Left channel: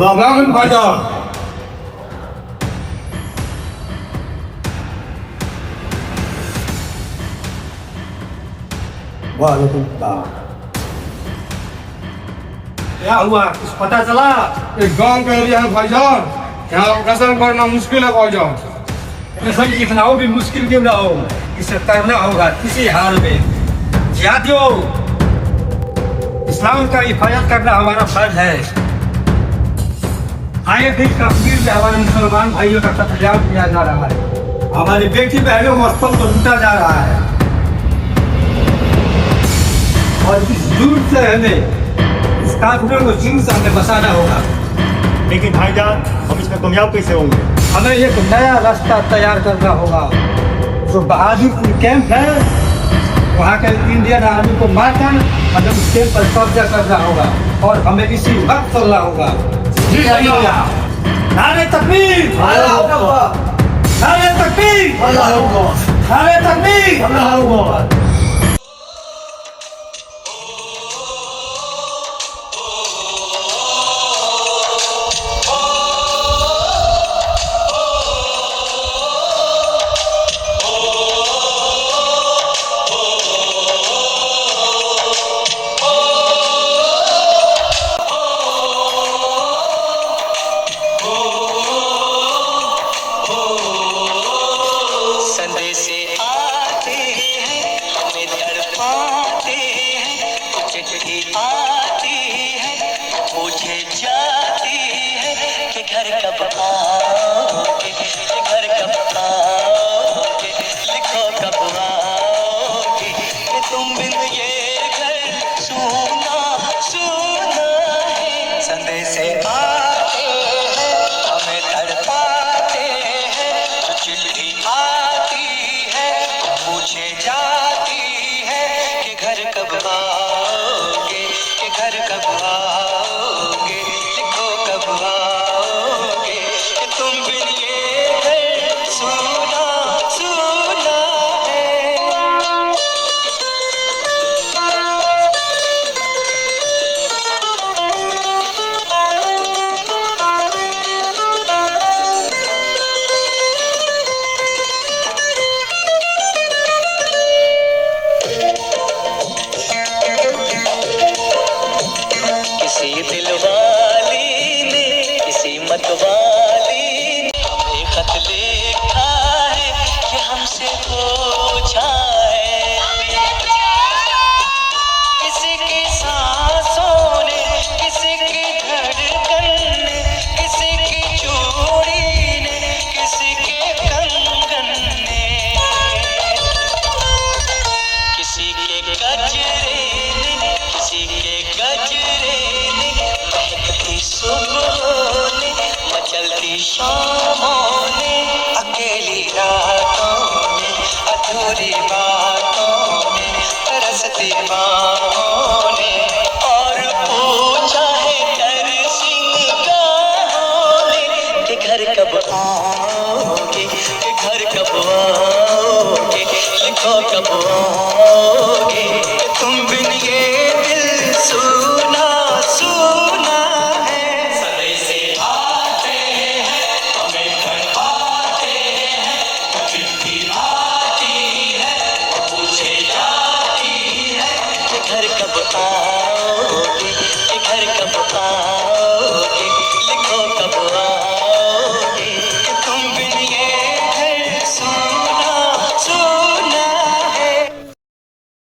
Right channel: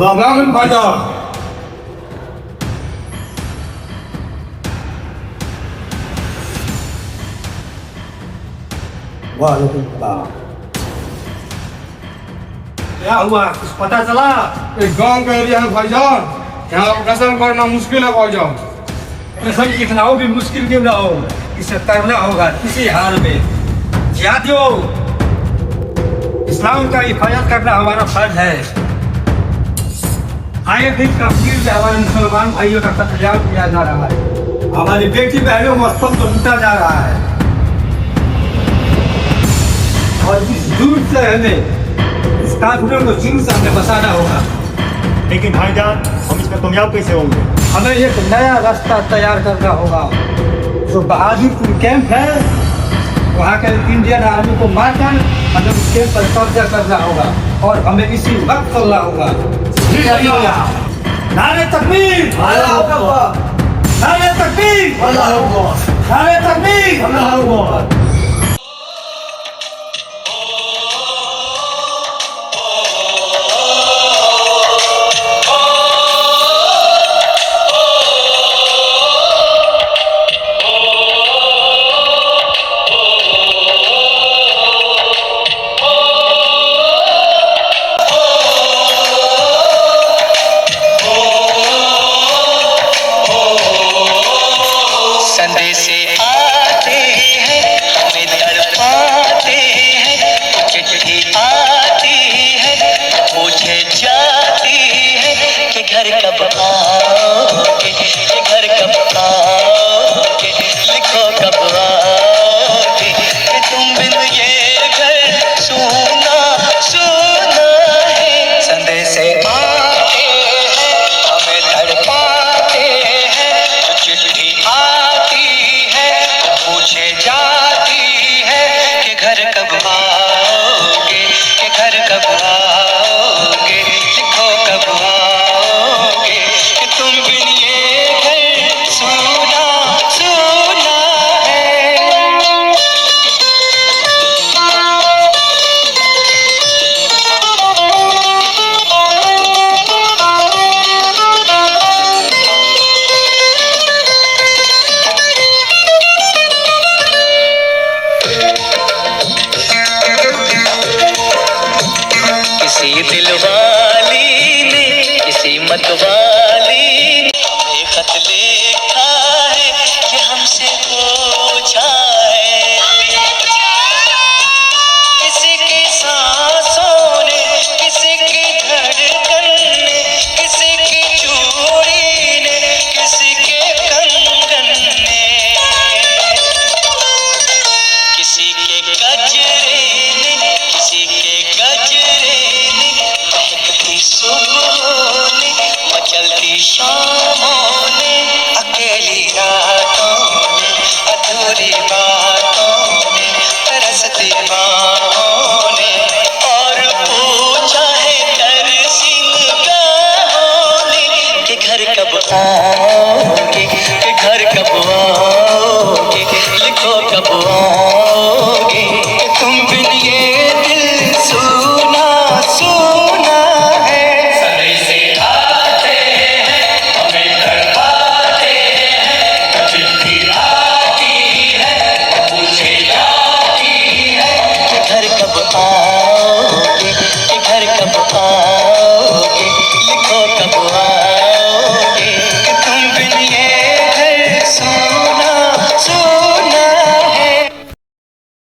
Selamat pagi. वालेकुम। क्या हुआ, कुछ पता चला? एक गांव का एरिया है भाईजान, यहाँ कसम करना मुश्किल है भाईजान। कसम कितना हो भी मुश्किल क्यों ना हो, इसे करना होगा किसी हाल में। जिहादियों, इस्लाम का हिफाजत करना हमारा फर्ज है। आए दिन कश्मीर में हमारे मुसलमान भाइयों का कत्लेआम किया जा रहा है, हमारी बेटी बहनों मस्तक को लूटा जा रहा है, और इस जुर्म से हमें इस काफिरों को जुर्म से हमें बचाना होगा। लेकिन भाईजान, हम इसमें कामयाब कैसे होंगे? हमें एक नया रास्ता तैयार करना होगा। जो बहादुरपुर कैंप है, वहाँ के इंडियन आर्मी को मारकर हमें उस कैंप पर कब्जा करना होगा और हमें इसी वक्त चलना होगा। जी भैया। नारे तकबीर, नारे तकबीर, नारे तकबीर। किसी दिल वाली ने, किसी मत वाली ने हमें खत लिखा है कि हमसे पूछा है। किसी की सांसों ने, किसी की धड़कन ने, किसी की चूड़ी ने, किसी के कंगन ने, किसी के गजरे ने, किसी के गजरे ने, महकती सुबहों ने, मचलती शामों ने, अकेली रातों ने, अधूरी बातों ने, तरसती बाहों ने, और पूछा है तरसी निगाहों ने कि घर कब आओगे, कि घर कब आओगे, लिखो कब आओगे, कि तुम बिन ये दिल सुना सुना है। सदै से आते हैं, हमें तड़पाते हैं, चिट्ठी आती है, पूछे जाती है कि घर कब आओगे, कि घर कब आओगे, लिखो कब आओगे, कि तुम बिन ये घर सुना सुना है।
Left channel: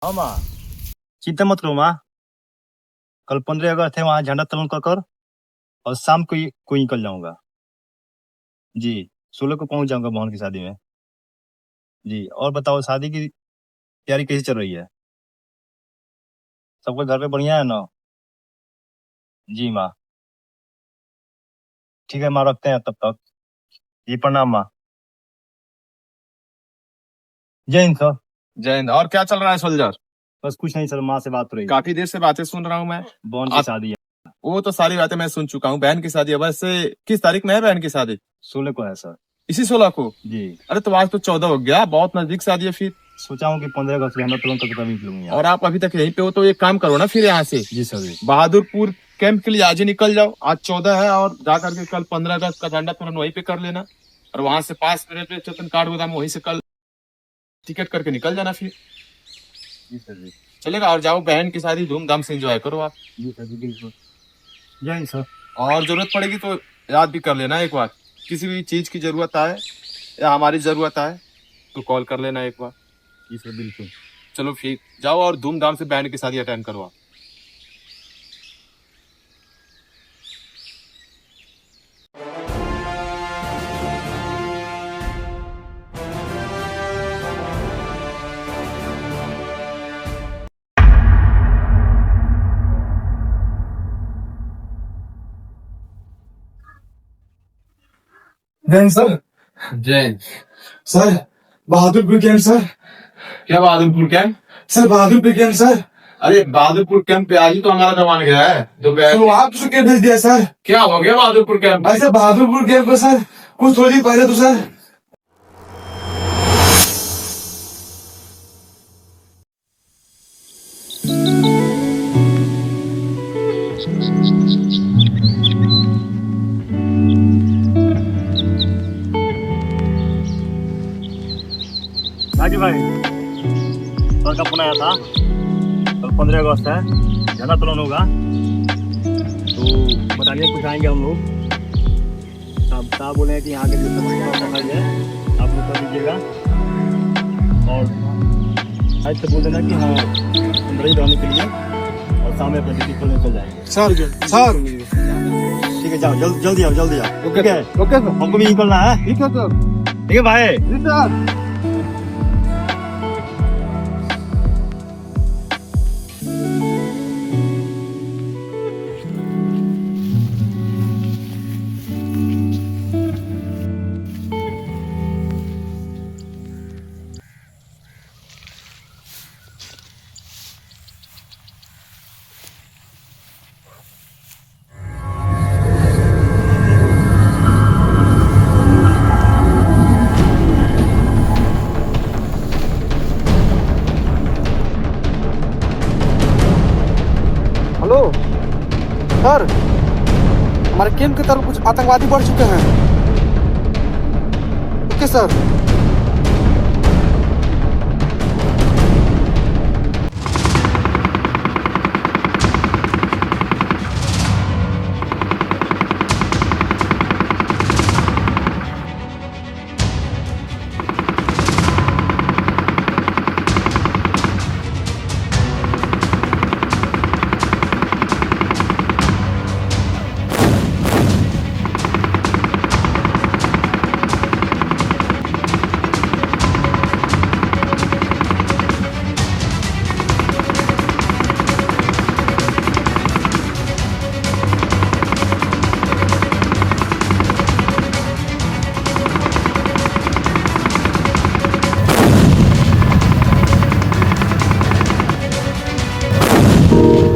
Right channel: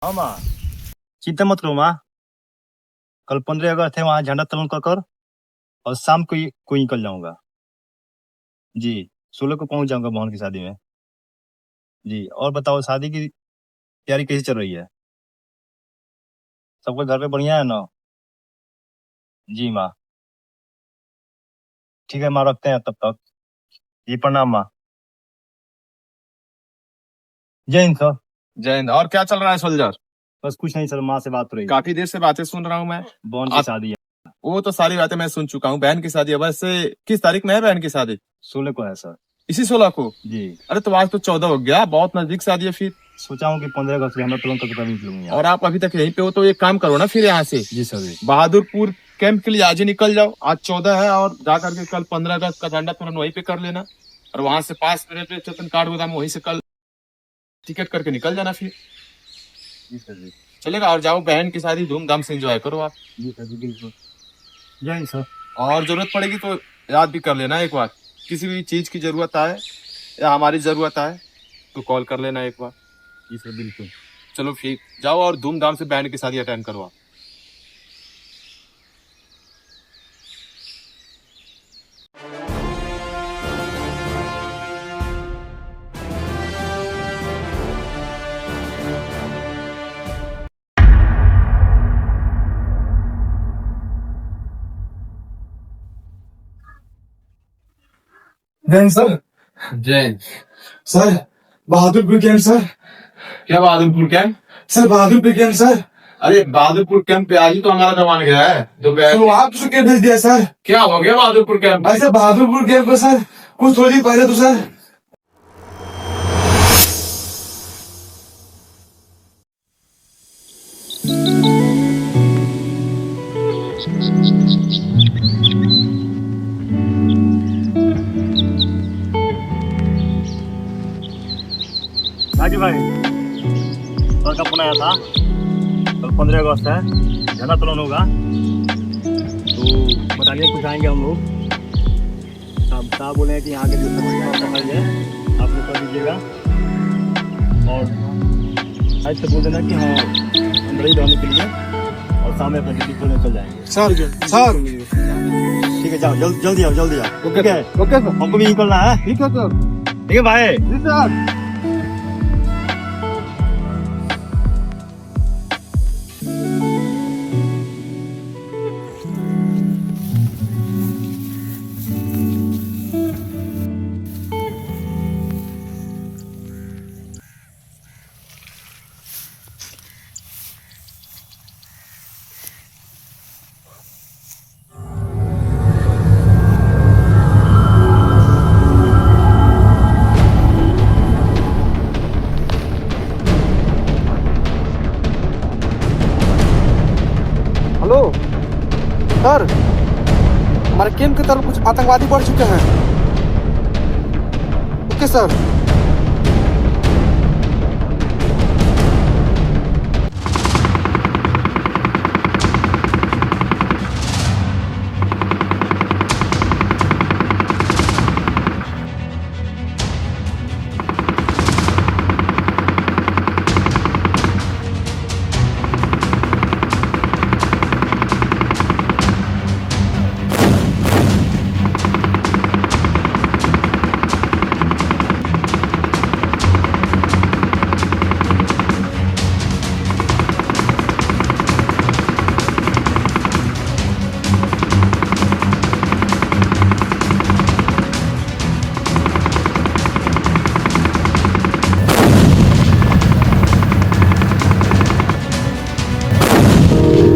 हाँ माँ, चिंता मत करो माँ। कल 15 अगस्त है, वहाँ झंडा तोलन कर और शाम को ही निकल जाऊंगा। जी, 16 को पहुंच जाऊंगा बहन की शादी में। जी, और बताओ शादी की तैयारी कैसी चल रही है? सबके घर पे बढ़िया है ना? जी माँ। ठीक है माँ, रखते हैं तब तक। जी प्रणाम माँ। जय हिंद सर। जय हिंद। और क्या चल रहा है सोल्जर? बस कुछ नहीं सर, माँ से बात हो रही। काफी देर से बातें सुन रहा हूँ मैं। बहन की शादी है। वो तो सारी बातें मैं सुन चुका हूँ। बहन की शादी है, वैसे किस तारीख में है बहन की शादी? 16 को है सर। इसी 16 को? जी। अरे तो आज तो 14 हो गया, बहुत नजदीक शादी है। फिर सोचा हूँ कि 15 अगस्त झंडा तोलन करके तभी निकलूंगा। और आप अभी तक यहीं पे हो तो एक काम करो ना फिर यहाँ से। जी सर जी। बहादुरपुर कैंप के लिए आज ही निकल जाओ। आज 14 है और जा करके कल 15 अगस्त का झंडा तुरंत वहीं पे कर लेना, और वहां से पास में रेलवे स्टेशन काठगोदाम, वहीं से कल टिकट करके निकल जाना फिर। जी सर जी। चलेगा। और जाओ, बहन की शादी धूमधाम से एंजॉय करो आप। जी सर जी बिल्कुल। जय हिंद सर। और जरूरत पड़ेगी तो याद भी कर लेना एक बार, किसी भी चीज की जरूरत आए या हमारी जरूरत आए तो कॉल कर लेना एक बार। जी सर बिल्कुल। चलो फिर जाओ और धूमधाम से बहन की शादी अटेंड करो आप। Jain sir. Jain sir Bahadurpur camp sir. क्या Bahadurpur camp? Sir Bahadurpur camp sir. अरे बहादुरपुर कैंप पे आज ही तो हमारा जवान गया है दोपहर। तो आप उसको क्या भेज दिया सर? क्या हो गया बहादुरपुर कैंप? ऐसे बहादुरपुर कैंप पे सर कुछ थोड़ी पहले तो सर राजू भाई, सर का फोन आया था, कल 15 अगस्त है, झंडा तोलन होगा, तो बताइए कुछ आएंगे हम लोग। अब साहब बोले हैं कि यहाँ के जो सफाई है आप लोग कर दीजिएगा, और आज से बोल देना कि हाँ अंदर ही रहने के लिए, और शाम में अपने ड्यूटी पर निकल जाएंगे। सर ठीक है, जाओ जल्दी आओ, जल्दी आओ। ठीक है, ओके सर। हमको भी निकलना है। ठीक है सर। ठीक है भाई। जी सर। हेलो सर, हमारे कैंप की तरफ कुछ आतंकवादी बढ़ चुके हैं। Okay sir.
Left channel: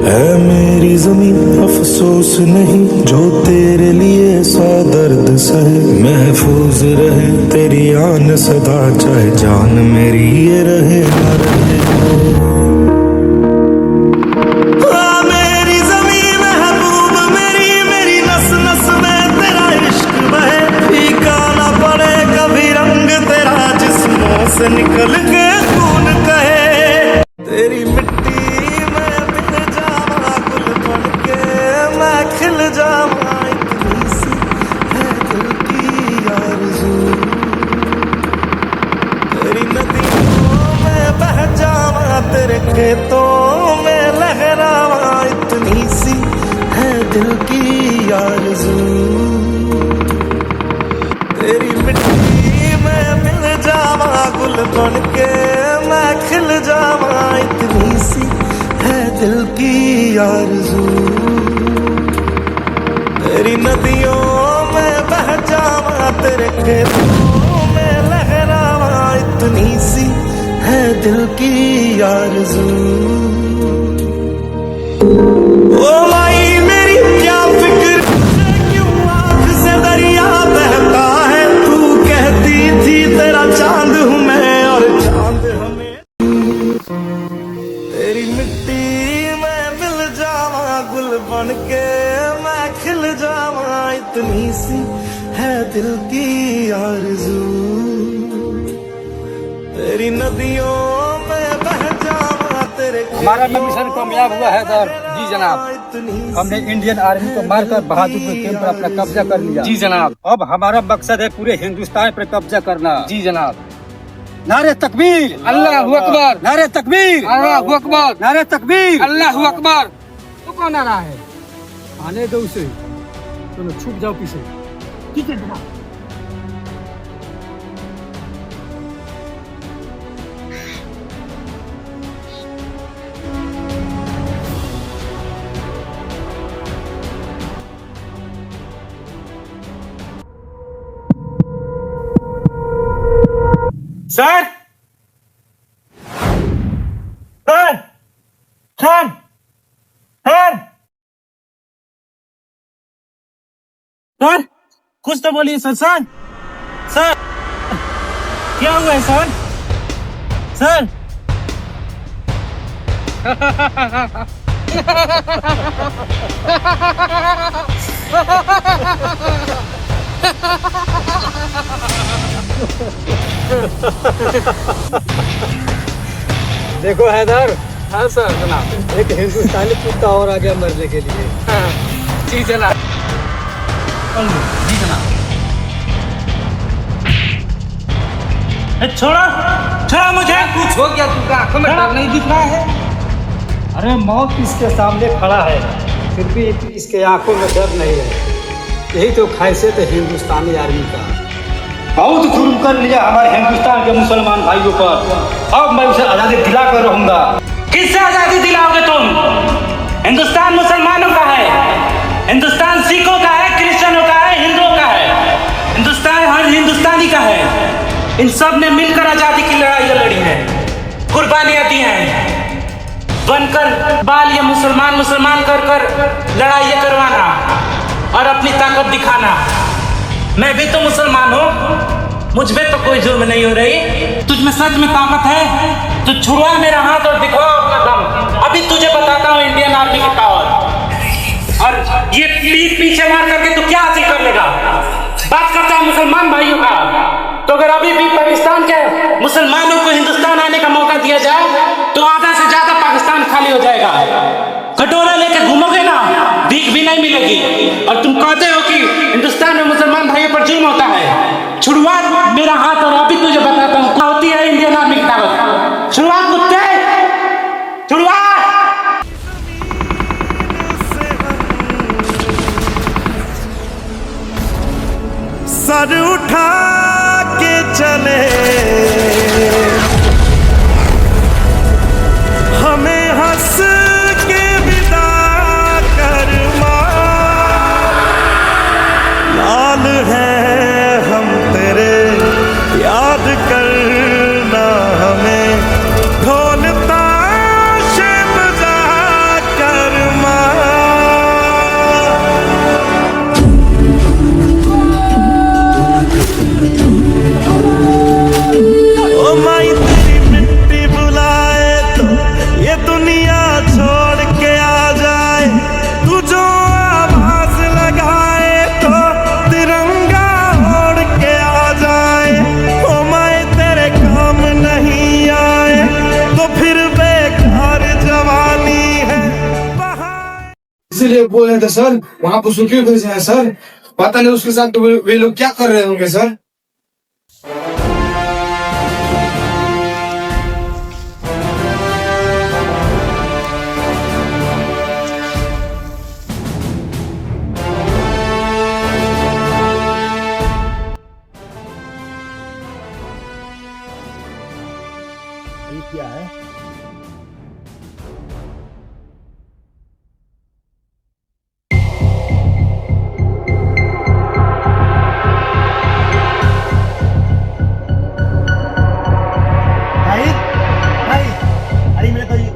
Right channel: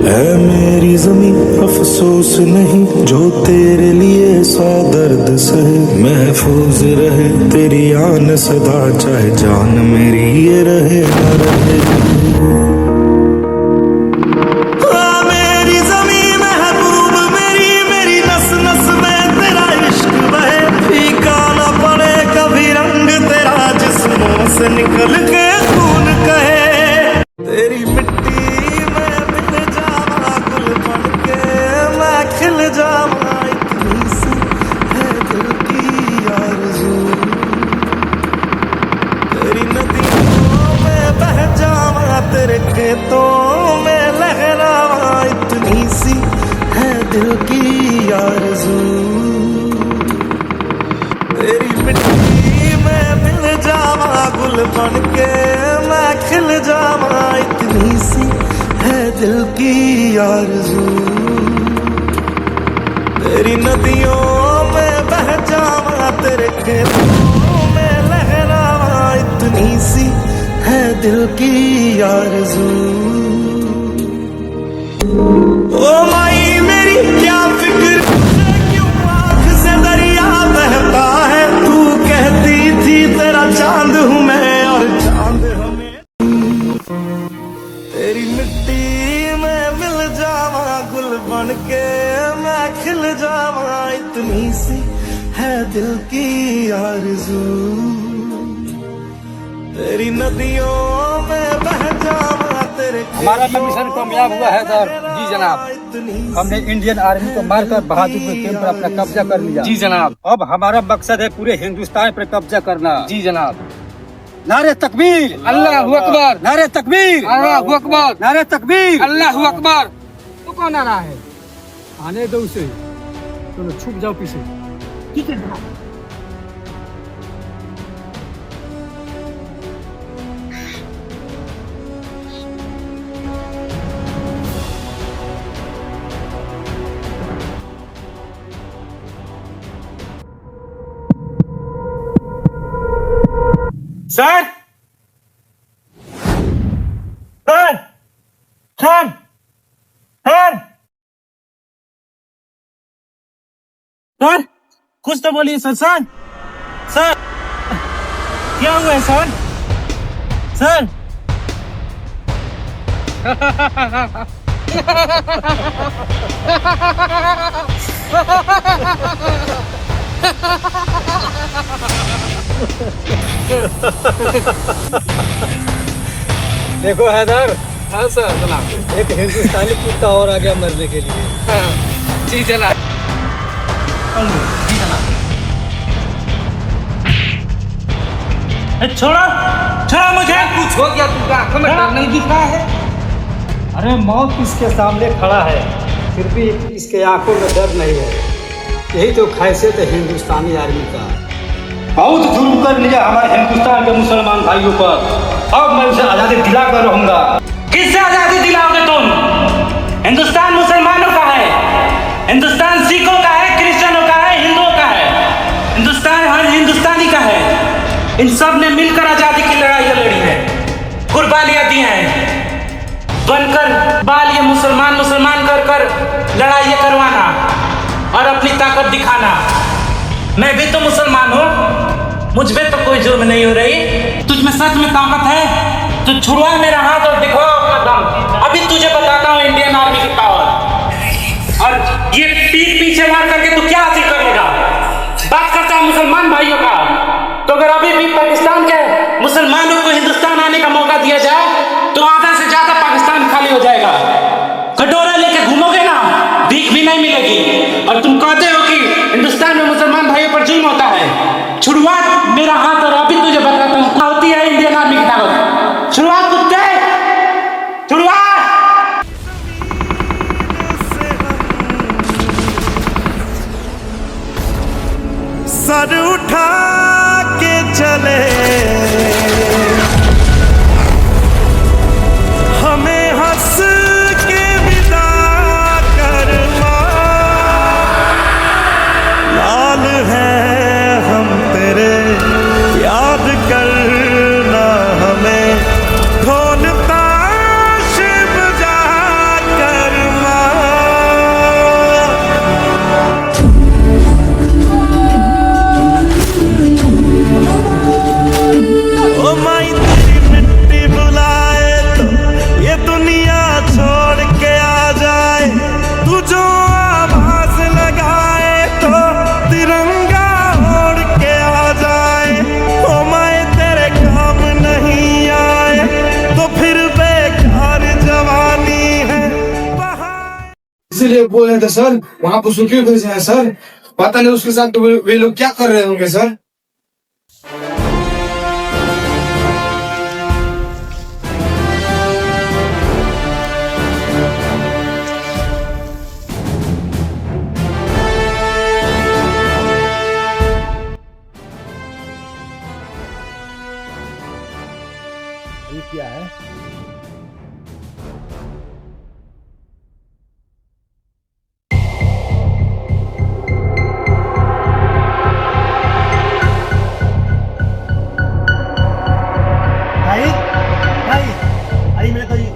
है मेरी जमीन अफसोस नहीं, जो तेरे लिए 100 दर्द सहे। महफूज रहे तेरी आन सदा, चाहे जान मेरी ये रहे न रहे। मेरी जमीन महबूब मेरी, मेरी नस नस में तेरा इश्क बहे। फीका न पड़े कभी रंग तेरा, जिस्मों से निकल के खून कहे। तेरी मिट्टी खिल जावा, इतनी सी है दिल की आरज़ू। तेरी नदियों में बह जावा, तेरे खेतों में लहरावा, इतनी सी है दिल की आरज़ू। तेरी मिट्टी में मिल जावा, गुल बन के मैं खिल जावा, इतनी सी है दिल की आरज़ू। तेरी नदियों में बह जावा, तेरे खेतों में लहरावा, इतनी सी है दिल की आरज़ू। ओ माई मेरी क्या फिक्र, क्यों आँख से दरिया बहता है। तू कहती थी तेरा चांद हूँ मैं, और चांद हमें। तेरी मिट्टी में मिल जावा, गुल बन के सी है दिल की आरज़ू, तेरी नदियों में बह जावा तेरे। हमारा मिशन कामयाब हुआ है सर। जी जनाब, हमने इंडियन आर्मी को मारकर बहादुरपुर कैंप पर अपना कब्जा कर लिया। जी जनाब। अब हमारा मकसद है पूरे हिंदुस्तान पर कब्जा करना। जी जनाब। नारे तकबीर, अल्लाहू अकबर, नारे तकबीर, अल्लाहू अकबर, नारे तकबीर, अल्लाहू अकबर। तो कौन आ रहा है? आने दो उसे, दोनों छुप जाओ पीछे। ठीक है जनाब। Sir sir sir sir sir कुछ तो बोलिए सर। सर सर क्या हुआ है सर? सर देखो हैदर, हाँ सर जनाब। एक हिंदुस्तानी कुत्ता और आ गया मरने के लिए। जी जनाब। जी जनाब। छोड़ो छोड़ो मुझे। कुछ हो गया? तुमको आंखों में डर नहीं दिख रहा है? अरे मौत इसके सामने खड़ा है, फिर भी इसके आंखों में डर नहीं है। यही तो खासियत है हिंदुस्तानी आर्मी का। बहुत जुर्म कर लिया हमारे हिंदुस्तान के मुसलमान भाइयों पर। अब मैं उसे आजादी दिला कर रहूंगा। किससे आजादी दिलाओगे तुम? हिंदुस्तान मुसलमानों का है, हिंदुस्तान सिखों का है, क्रिश्चियनों का है, हिंदुओं का है। हिंदुस्तान हर हिंदुस्तानी का है। इन सब ने मिलकर आजादी की लड़ाइयाँ लड़ी है, कुर्बानियां दी हैं। बनकर बाल ये मुसलमान मुसलमान कर कर लड़ाइयाँ करवाना और अपनी ताकत दिखाना। मैं भी तो मुसलमान हूँ, मुझ में तो कोई जुर्म नहीं हो रही। तुझ में सच में ताकत है तो छुड़वा मेरा हाथ और दिखाओ अपना दम। अभी तुझे बताता हूँ इंडियन आर्मी की पावर। और ये पीठ पीछे मार करके तू क्या हासिल कर लेगा? बात करता है मुसलमान भाइयों का, तो अगर अभी भी पाकिस्तान के मुसलमानों को हिंदुस्तान आने का मौका दिया जाए तो आधा से ज्यादा पाकिस्तान खाली हो जाएगा। कटोरा लेके घूमोगे ना, भीख भी नहीं मिलेगी। और तुम कहते हो कि हिंदुस्तान में मुसलमान भाइयों पर जुल्म होता है। छुड़वा मेरा हाथ और अभी तुझे बताता हूँ क्या होती है इंडियन आर्मी की ताकत। छुड़वा कुत्ते, छुड़वा। सर उठा के चले हमें हंस के विदा कर माँ। लाल है हम तेरे, याद करना हमें ढोल ताशे बजा कर माँ। ओ माई तेरी मिट्टी बुलाए तो ये दुनिया छोड़ के आ जाए। तू जो आवाज लगाए तो तिरंगा ओढ़ के आ जाए। ओ माई तेरे काम नहीं आए तो फिर बेकार जवानी है। इसीलिए बोल रहे थे सर, वहाँ पर सुखी भेजे हैं सर। पता नहीं उसके साथ तो वे लोग क्या कर रहे होंगे सर। ये क्या है? भाई भाई, अरे मेरे तो ये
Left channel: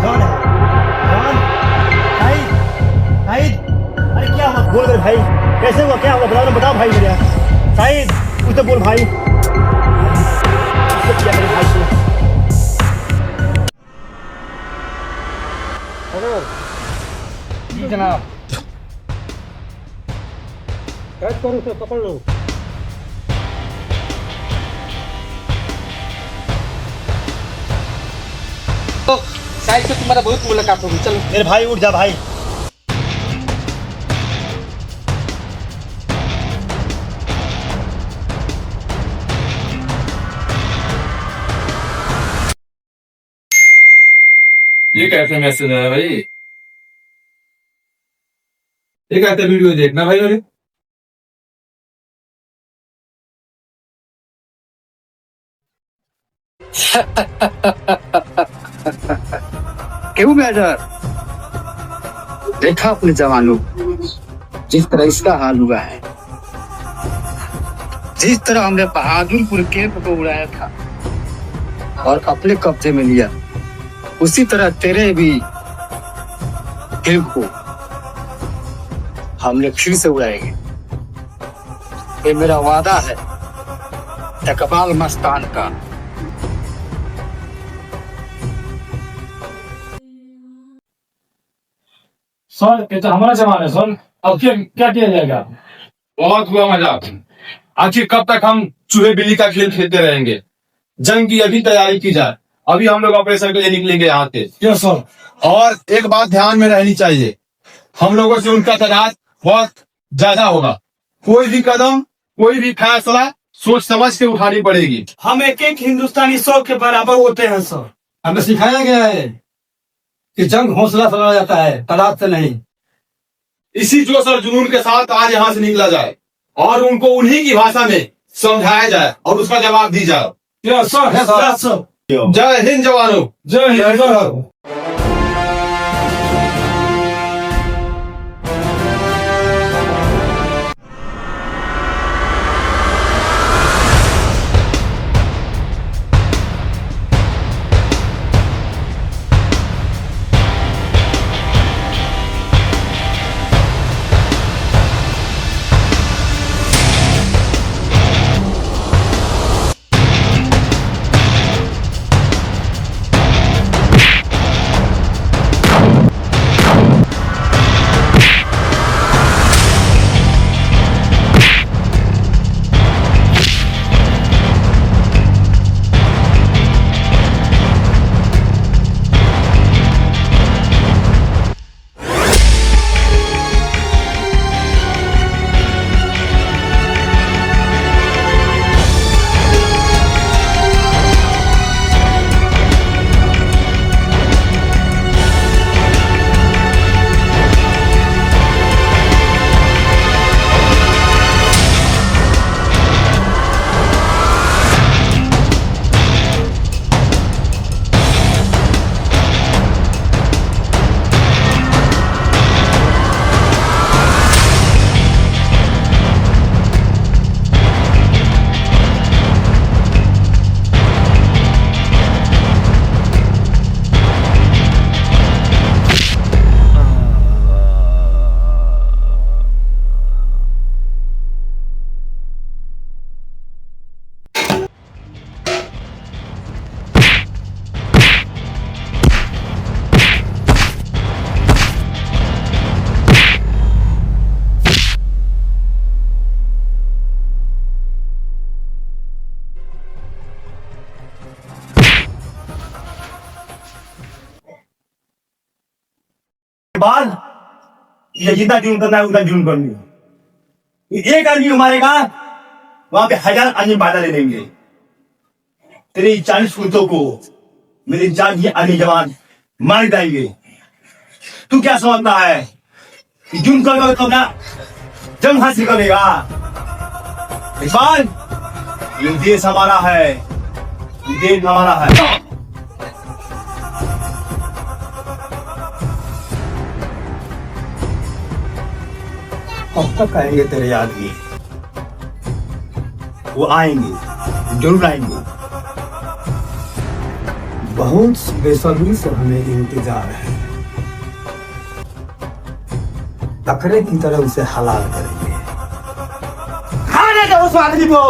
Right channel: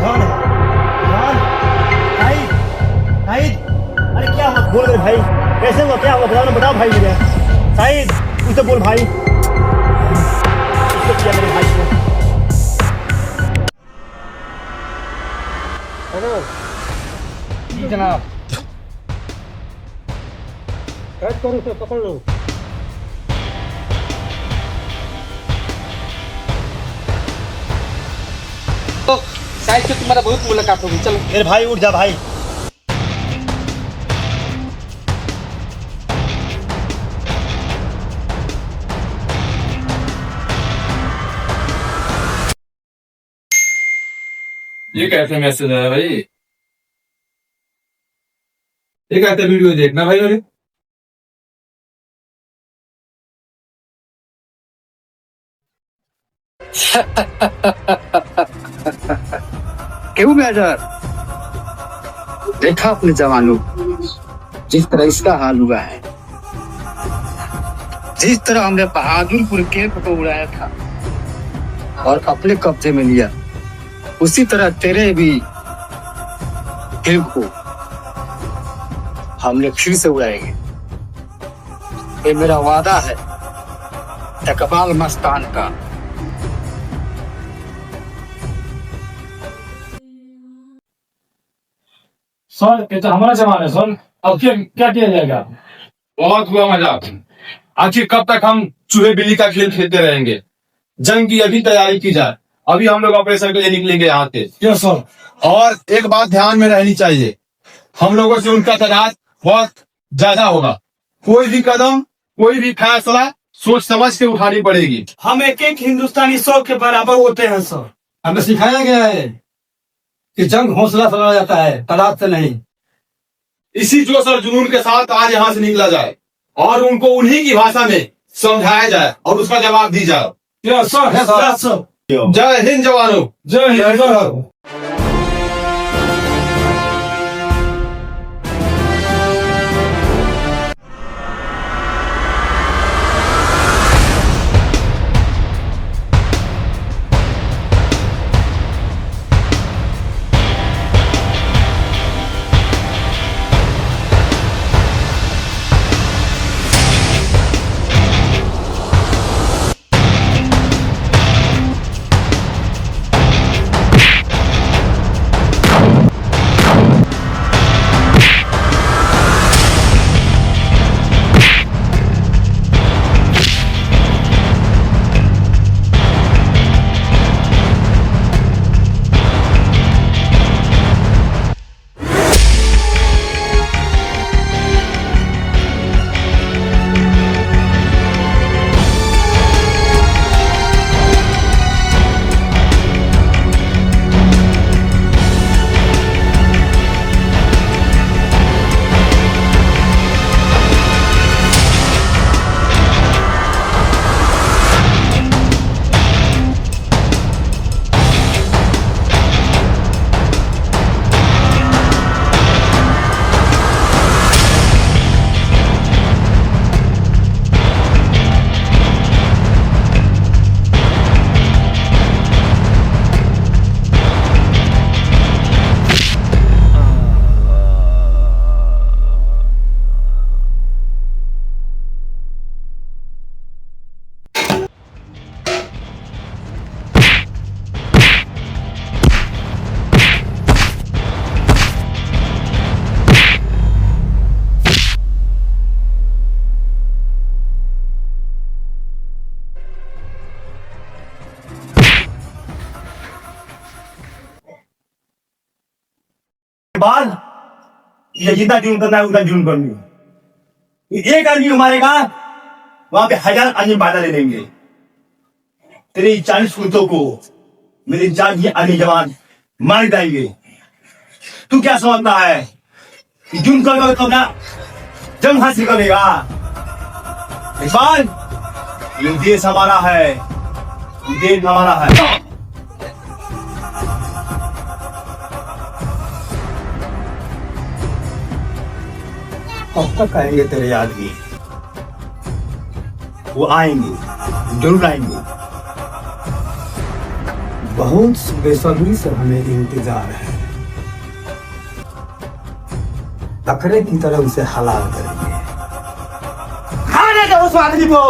जॉन है। जॉन भाई, भाई अरे क्या हुआ? बोल मेरे भाई, कैसे हुआ? क्या हुआ? बताओ ना, बताओ भाई मेरे। शाहिद कुछ तो बोल भाई। किया मेरे भाई को। जी जनाब। कैद करो उसे, पकड़ लो। तो शायद से तुम्हारा बहुत मुलाकात होगी, चलो। मेरे भाई उठ जा भाई। ये कैसे मैसेज है भाई? ये कैसे वीडियो देखना भाई? मेरे क्यों मेजर? देखा अपने जवानों जिस तरह इसका हाल हुआ है, जिस तरह हमने बहादुरपुर कैंप को उड़ाया था और अपने कब्जे में लिया, उसी तरह तेरे भी कैंप को हमने फिर से उड़ाएंगे। ये मेरा वादा है इकबाल मस्तान का। सर ये तो हमारा जवान है सर, अब क्या क्या किया जाएगा? बहुत हुआ मजाक। आखिर कब तक हम चूहे बिल्ली का खेल खेलते रहेंगे? जंग की अभी तैयारी की जाए। अभी हम लोग ऑपरेशन के लिए निकलेंगे यहाँ से। Yes sir. और एक बात ध्यान में रहनी चाहिए, हम लोगों से उनका तादाद बहुत ज्यादा होगा। कोई भी कदम, कोई भी फैसला सोच समझ के उठानी पड़ेगी। हम एक एक हिंदुस्तानी 100 के बराबर होते हैं सर। हमें सिखाया गया है कि जंग हौसला से लड़ा जाता है, तादाद से नहीं। इसी जोश और जुनून के साथ आज यहाँ से निकला जाए और उनको उन्हीं की भाषा में समझाया जाए और उसका जवाब दी जाए। Yes sir, yes sir. जय हिंद जवानों। जय हिंद सर। बाद ये जितना जुर्म करना है उतना जुर्म कर लो। एक आदमी मारेगा, वहां पे 1000 आदमी बाधा ले लेंगे। तेरे 40 कुत्तों को मेरे 4 आदमी जवान मार जाएंगे। तू क्या समझता है कि जुर्म करेगा तो ना जंग हासिल करेगा? इरफान, ये देश हमारा है, ये देश हमारा है। अब तक आएंगे तेरे आदमी? वो आएंगे, जरूर आएंगे। बहुत बेसब्री से हमें इंतजार है। बकरे की तरह उसे हलाल करेंगे। खाने दो उस आदमी को।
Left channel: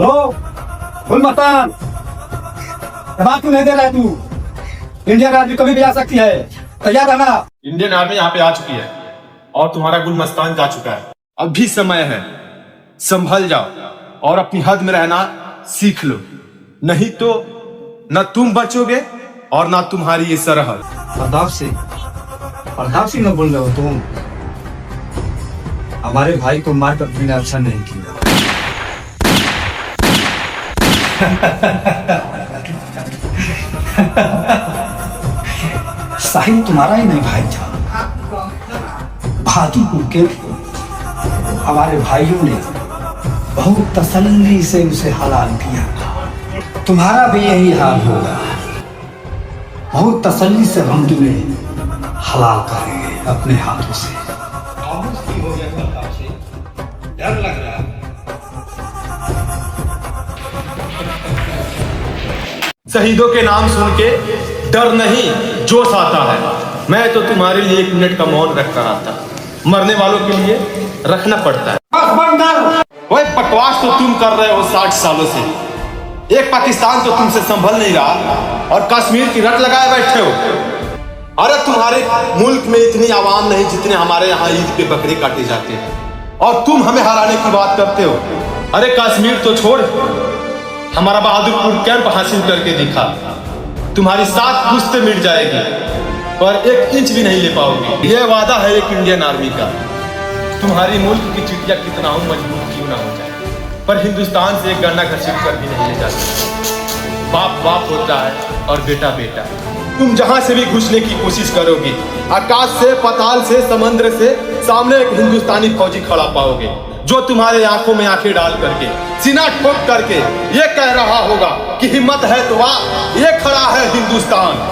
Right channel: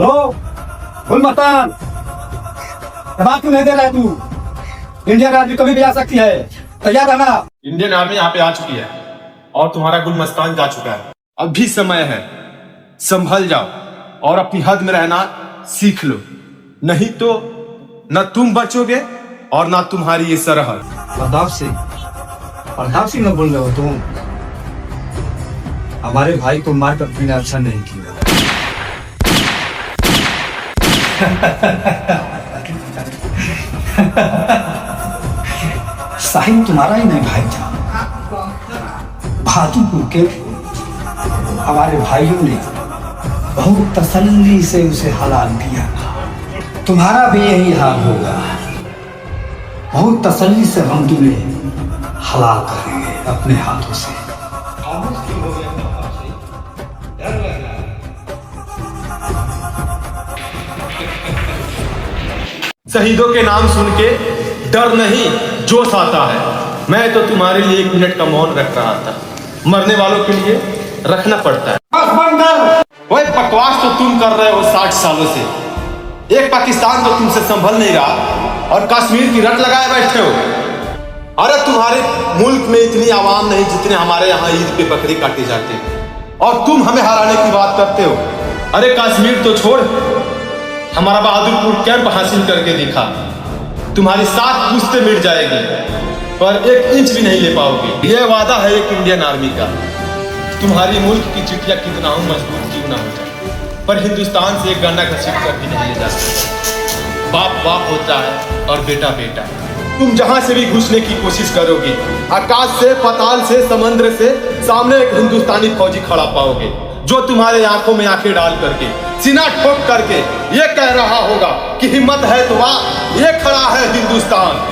हेलो फुल मस्तान, बात क्यों नहीं दे रहा है तू? इंडियन आर्मी कभी भी आ सकती है, तैयार रहना। इंडियन आर्मी यहाँ पे आ चुकी है और तुम्हारा गुलमस्तान जा चुका है। अभी समय है, संभल जाओ और अपनी हद में रहना सीख लो, नहीं तो न तुम बचोगे और ना तुम्हारी ये सरहद। प्रताप सिंह न बोल रहे हो तुम? हमारे भाई को मारकर तुमने अच्छा नहीं किया। साहिल तुम्हारा ही नहीं भाई था, बहादुरपुर के हमारे भाइयों ने बहुत तसल्ली से उसे हलाल किया। तुम्हारा भी यही हाल होगा, बहुत तसल्ली से हम तुम्हें हलाल करेंगे अपने हाथों से। शहीदों के नाम सुन के डर नहीं जोश आता है। मैं तो तुम्हारे लिए 1 मिनट का मौन रख रहा था, मरने वालों के लिए रखना पड़ता है। वही बकवास तो तुम कर रहे हो 60 सालों से। एक पाकिस्तान तो तुमसे संभल नहीं रहा और कश्मीर की रट लगाए बैठे हो। अरे तुम्हारे मुल्क में इतनी आवाम नहीं जितने हमारे यहाँ ईद पे बकरी काटे जाते हैं, और तुम हमें हराने की बात करते हो। अरे कश्मीर तो छोड़, हमारा बहादुरपुर कैंप हासिल करके दिखा। तुम्हारी 7 पुश्तें मिट जाएगी पर 1 इंच भी नहीं ले पाओगे। यह वादा है एक इंडियन आर्मी का। तुम्हारी मुल्क की चिटिया कितना हो मजबूत क्यों ना हो जाए, पर हिंदुस्तान से एक गन्ना घसीट कर भी नहीं ले जा सकते। बाप बाप होता है और बेटा बेटा। तुम जहां से भी घुसने की कोशिश करोगे, आकाश से, पाताल से, समंदर से, सामने एक हिंदुस्तानी फौजी खड़ा पाओगे जो तुम्हारे आंखों में आंखें डाल करके, सीना ठोक करके ये कह रहा होगा कि हिम्मत है तो वाह, ये खड़ा है हिंदुस्तान।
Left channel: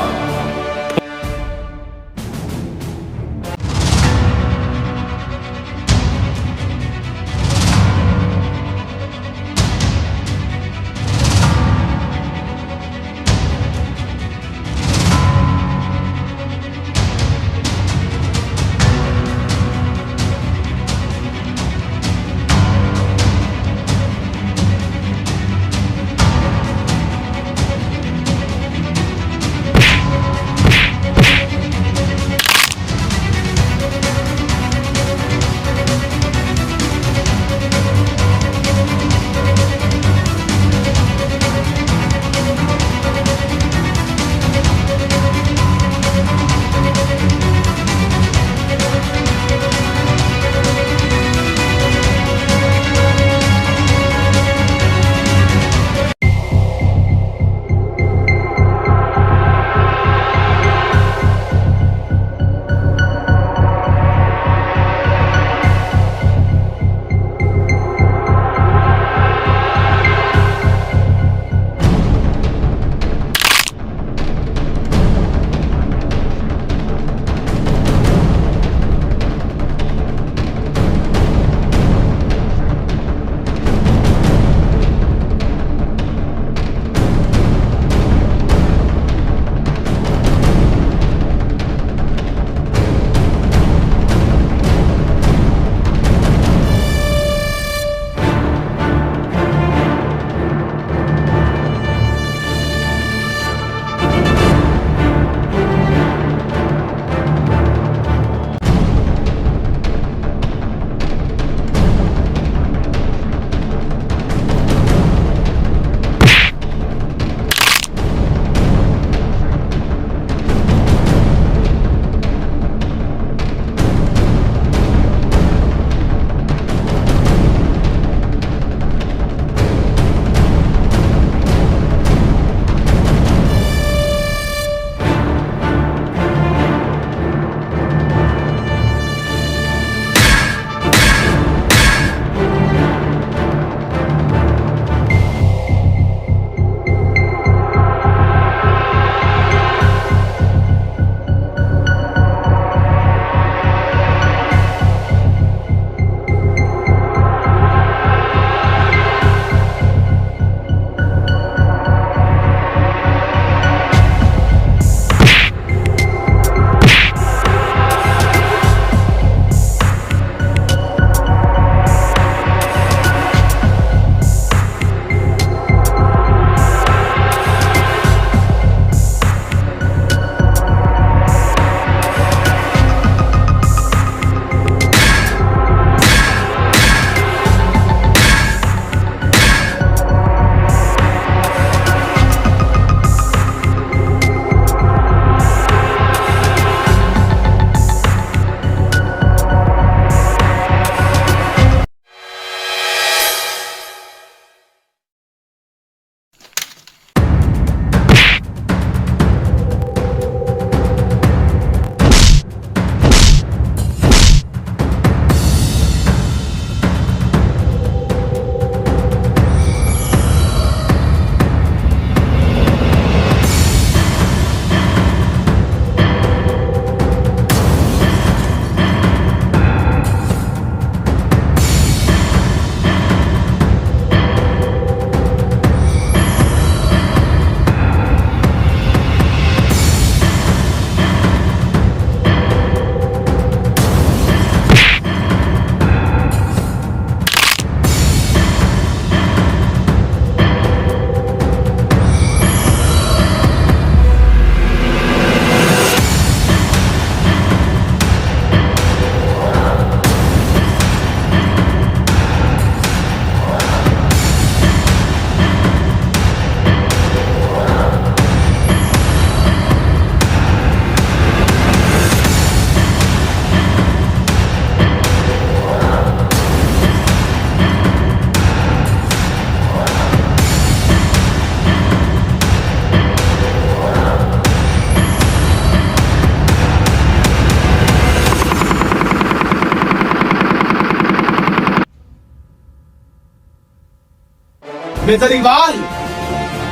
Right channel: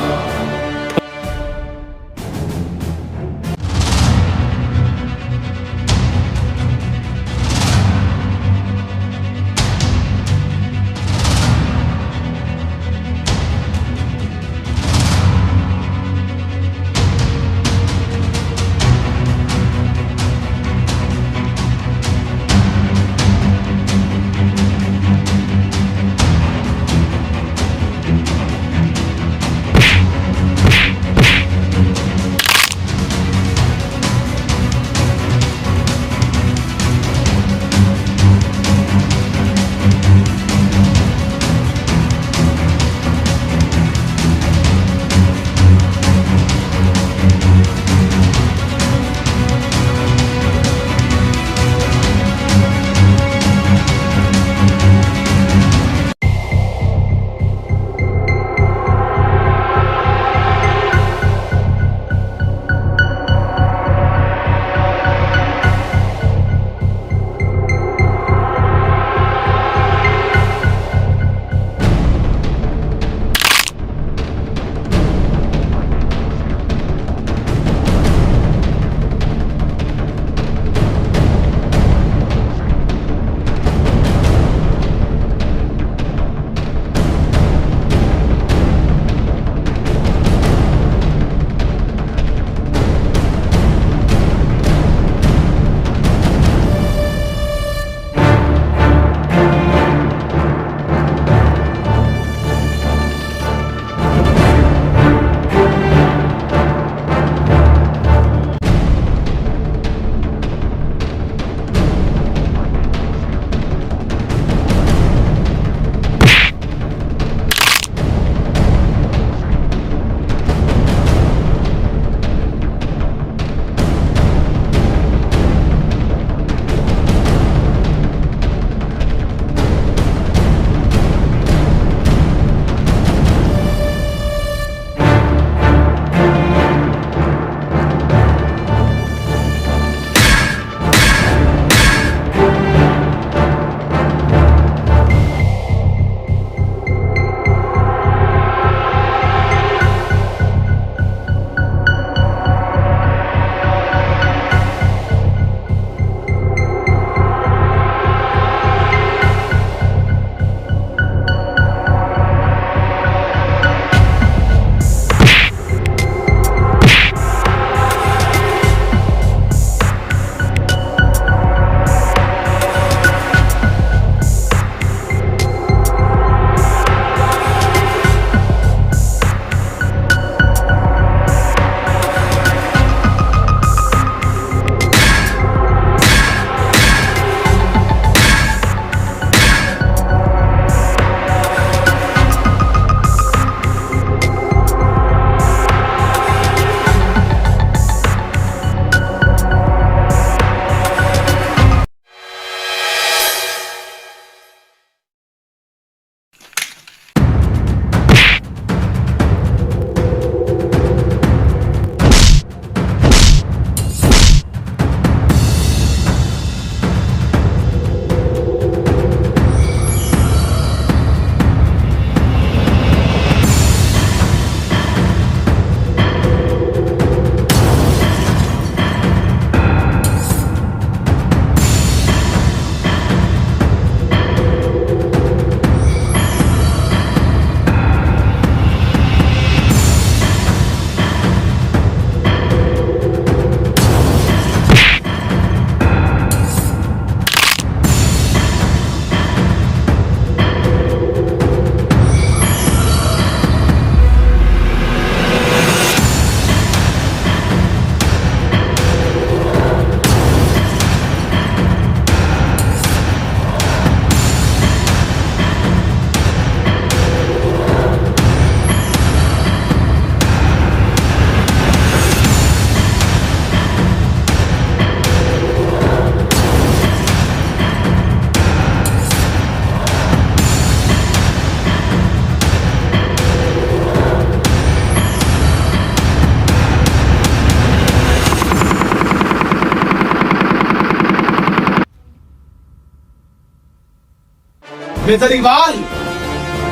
मेजर इकबाल,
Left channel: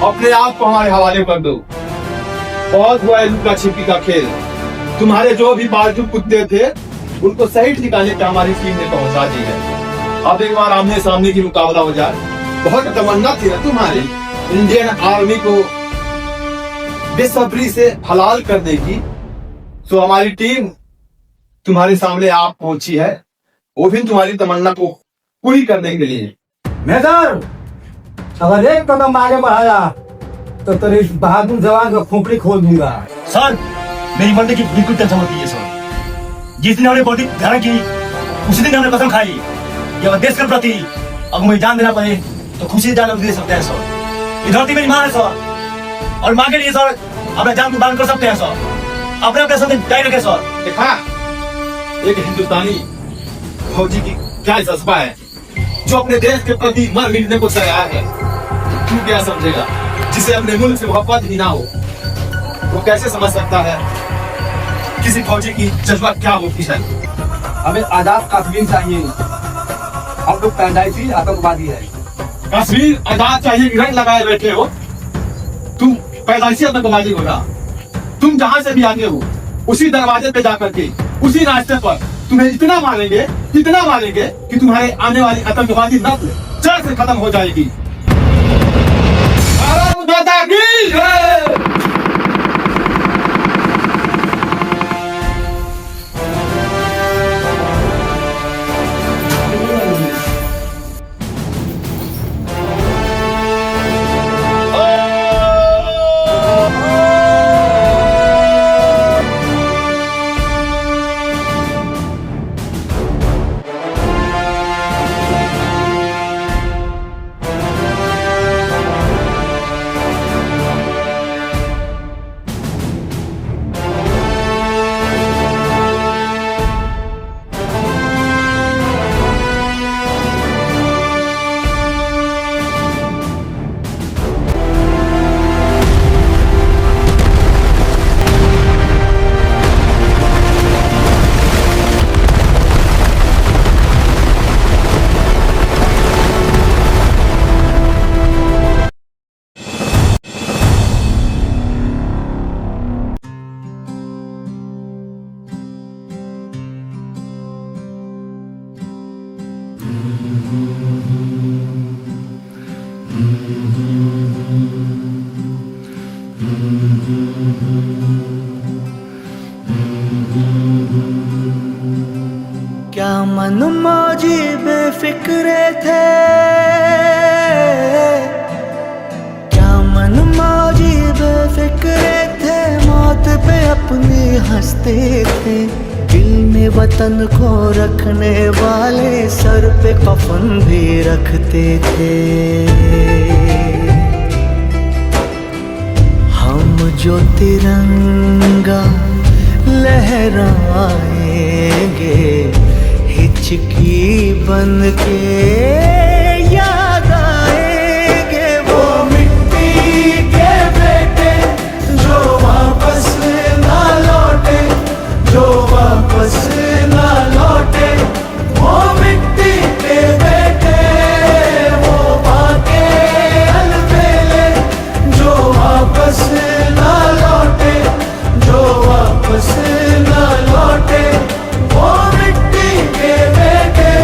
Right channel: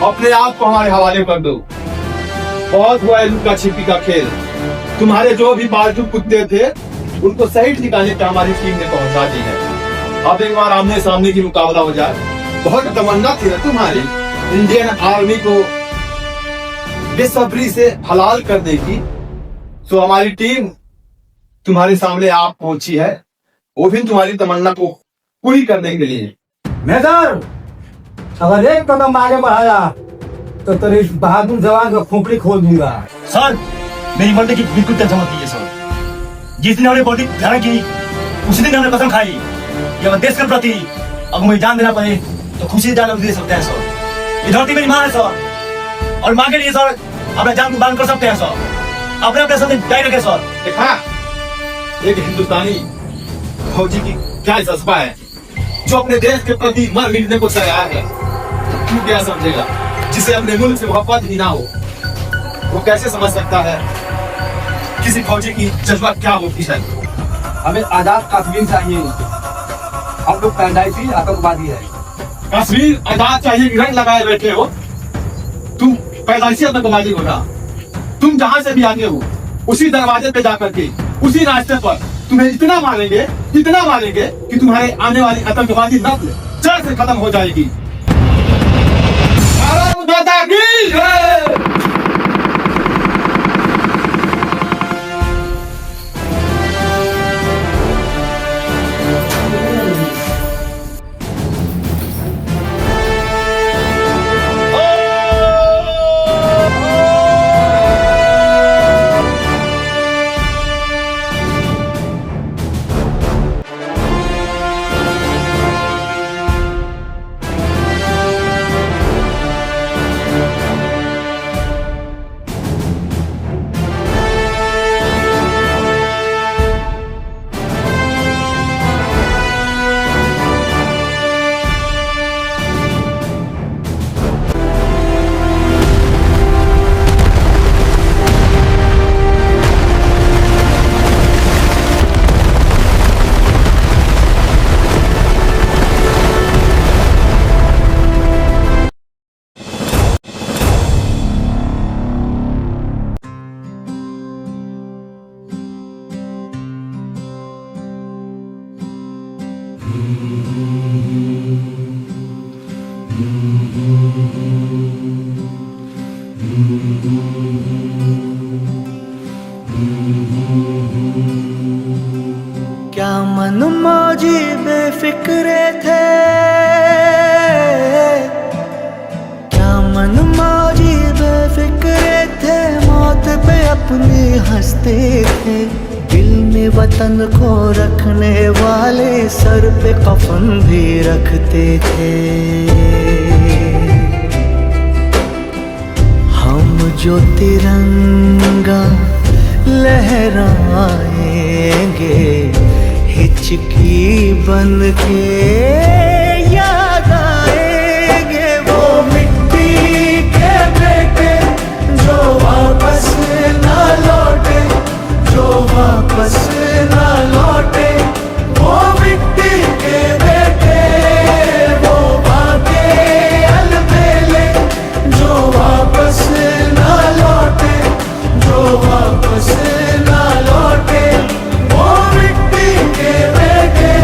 अपने आप को हमारे हवाले कर दो। बहुत हुआ है लुका छिपी का खेल। तुम्हारे जो भी पालतू कुत्ते थे उनको सही ठिकाने पे हमारी टीम ने पहुंचा दी है। अब एक बार आमने सामने की मुकाबला हो जाए। बहुत तमन्ना थी ना तुम्हारी इंडियन आर्मी को बेसब्री से हलाल करने की, तो हमारी टीम तुम्हारे सामने आप पहुंची है, वो भी तुम्हारी तमन्ना को पूरी करने के लिए। मेजर, अगर एक कदम आगे बढ़ाया तो तेरे इस बहादुर जवान का खोपड़ी खोल दूंगा। सर, मेरी मरने की बिल्कुल टेंशन मत लीजिए सर। जिस दिन हमने बॉडी धारण की उसी दिन हमने कसम खाई कि अगर देश के प्रति अगर मुझे जान देना पड़े तो खुशी से जान दे सकते हैं सर। ये धरती मेरी माँ है सर, और माँ के लिए सर अपना जान कुर्बान कर सकते हैं सर। अपने अपने साथ जारी रखें सर। देखा एक हिंदुस्तानी फौजी की क्या जज्बा है, जो अपने देश के प्रति मर मिटने को तैयार है। तू क्या समझेगा जिसे अपने मुल्क से मोहब्बत ही ना हो, वो कैसे समझ सकता है किसी फौजी की जज्बा क्या होती है। हमें आजाद कश्मीर चाहिए। हम लोग पैदाइशी आतंकवादी है। कश्मीर आजाद चाहिए कि रंग लगाए बैठे हो। तुम पैदाइशी आतंकवादी हो ना। तुम जहां से भी आगे हो उसी दरवाजे पे जाकर के उसी रास्ते पर तुम्हें इतना मारेंगे कि तुम्हारे आने वाली आतंकवादी नस्ल जड़ से खत्म हो जाएगी। भारत माता की जय। क्या मन मौजी बेफिक्रे थे, क्या मन मौजी बेफिक्रे थे, मौत पे अपनी हंसते थे। दिल में वतन को रखने वाले सर पे कफन भी रखते थे। हम जो तिरंगा लहराएंगे हिचकी बन के याद आएंगे वो मिट्टी के बेटे जो वापस ना लौटे, जो वापस ना लौटे। वो मिट्टी के बेटे वो बाके अलबेले जो वापस ना लौटे, जो वापस ना लौटे। वो मिट्टी के बेटे,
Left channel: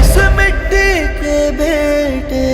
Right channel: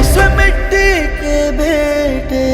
इस मिट्टी के बेटे।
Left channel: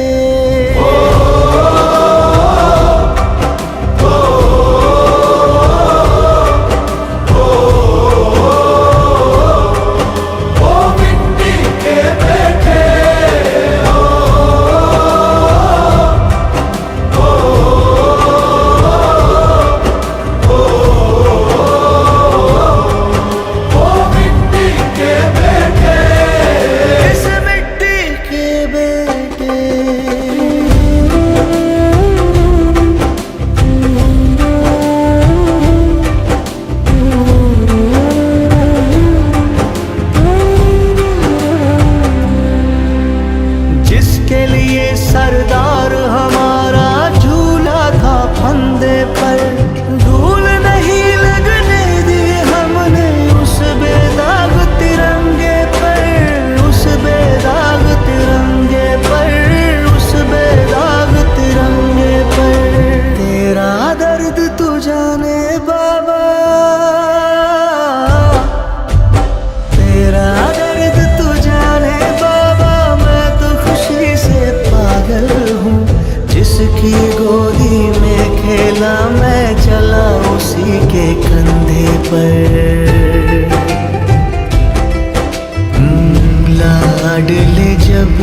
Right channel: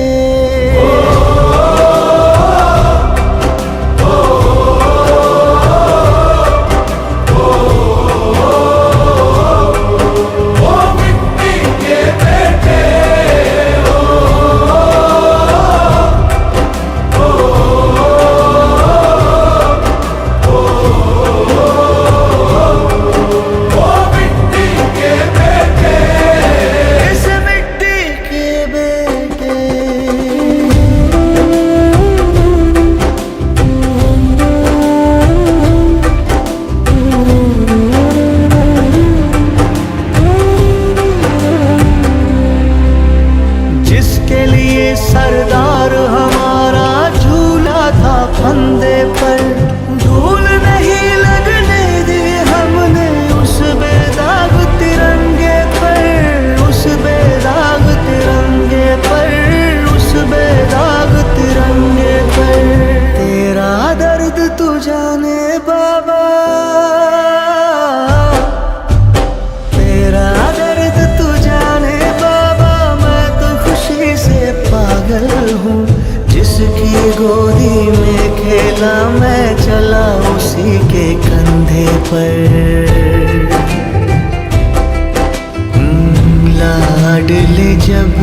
जिसके लिए सरदार हमारा झूला था फंदे पर, धूल नहीं लगने दी हमने उस बेदाग तिरंगे पर, उस बेदाग तिरंगे पर, उस बेदाग पागल हूँ, जिसकी गोदी में खेला मैं चला उसी के कंधे पर। लाडले जब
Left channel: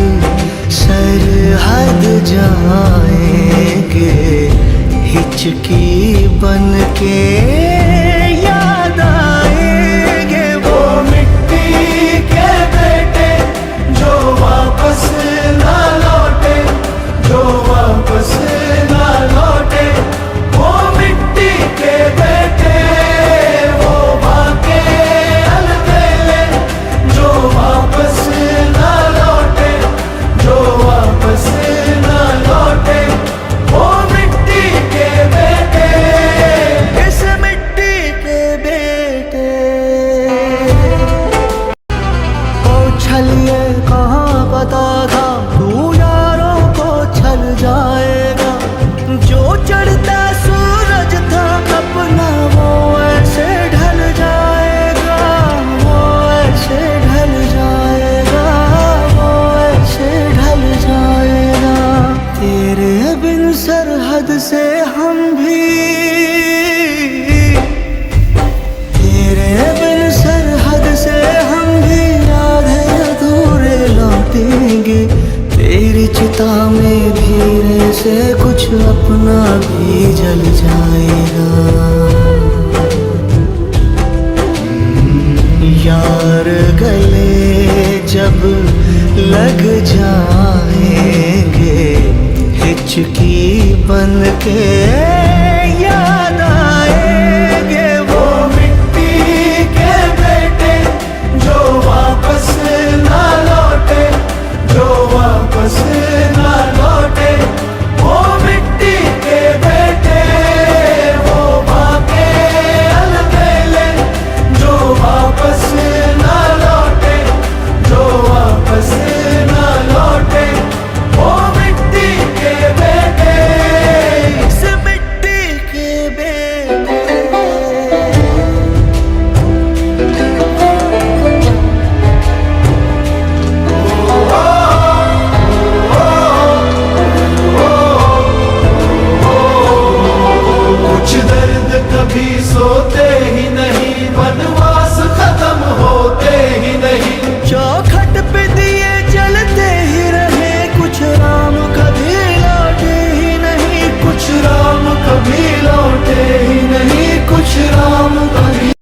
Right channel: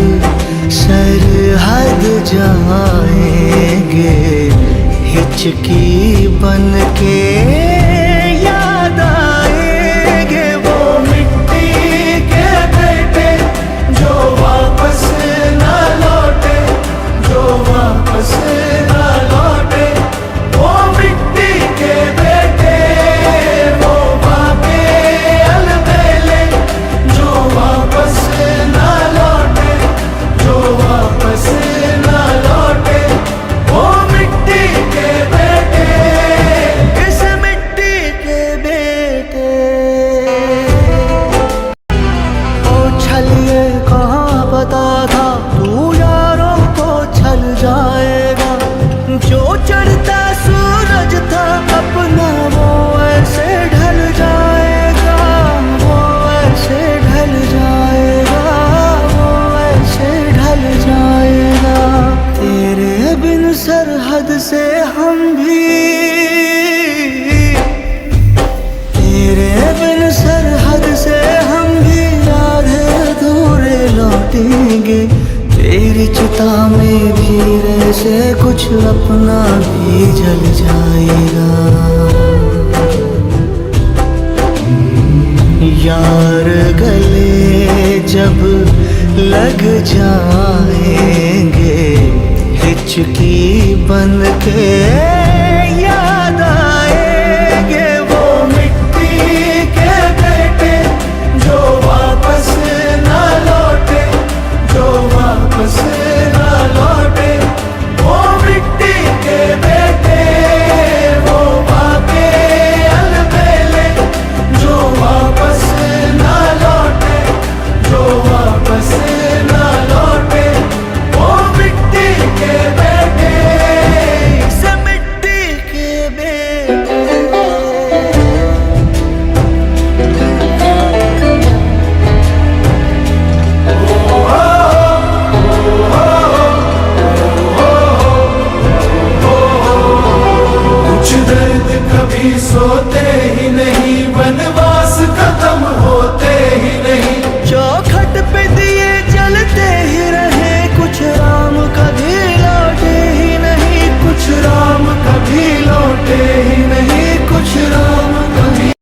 सरहद जाएंगे, हिचकी बन के याद आएंगे वो मिट्टी के बेटे जो वापस ना लौटे, जो वापस ना लौटे। वो मिट्टी के बेटे, वो बापे अलबेले जो वापस ना लौटे, जो वापस ना लौटे। वो मिट्टी के बेटे, इस मिट्टी के बेटे। ओ छलिए कहाँ पता था तू यारों को छल जाएगा, जो चढ़ता सूरज था अपना वो ऐसे ढल जाएगा, वो ऐसे ढल जाएगा, वो ऐसे ढल जाएगा। तेरे बिन सरहद से हम भी, तेरे बिन सरहद से हम भी आधे अधूरे लौटेंगे। तेरी चिता में धीरे से कुछ अपना भी जल जाएगा। यार गले जब लग जाएंगे, हिचकी बन के याद आएंगे वो मिट्टी के बेटे जो वापस ना लौटे, जो वापस ना लौटे। वो मिट्टी के बेटे, वो बापे अलबेले जो वापस ना लौटे, जो वापस ना लौटे। वो मिट्टी के बेटे, इस मिट्टी के बेटे। कुछ दर्द कभी सोते ही नहीं, वनवास खत्म होते ही नहीं। चौखट पे दिए जलते ही रहे, कुछ राम कभी लौटे ही नहीं, कुछ राम कभी लौटे ही नहीं, कुछ राम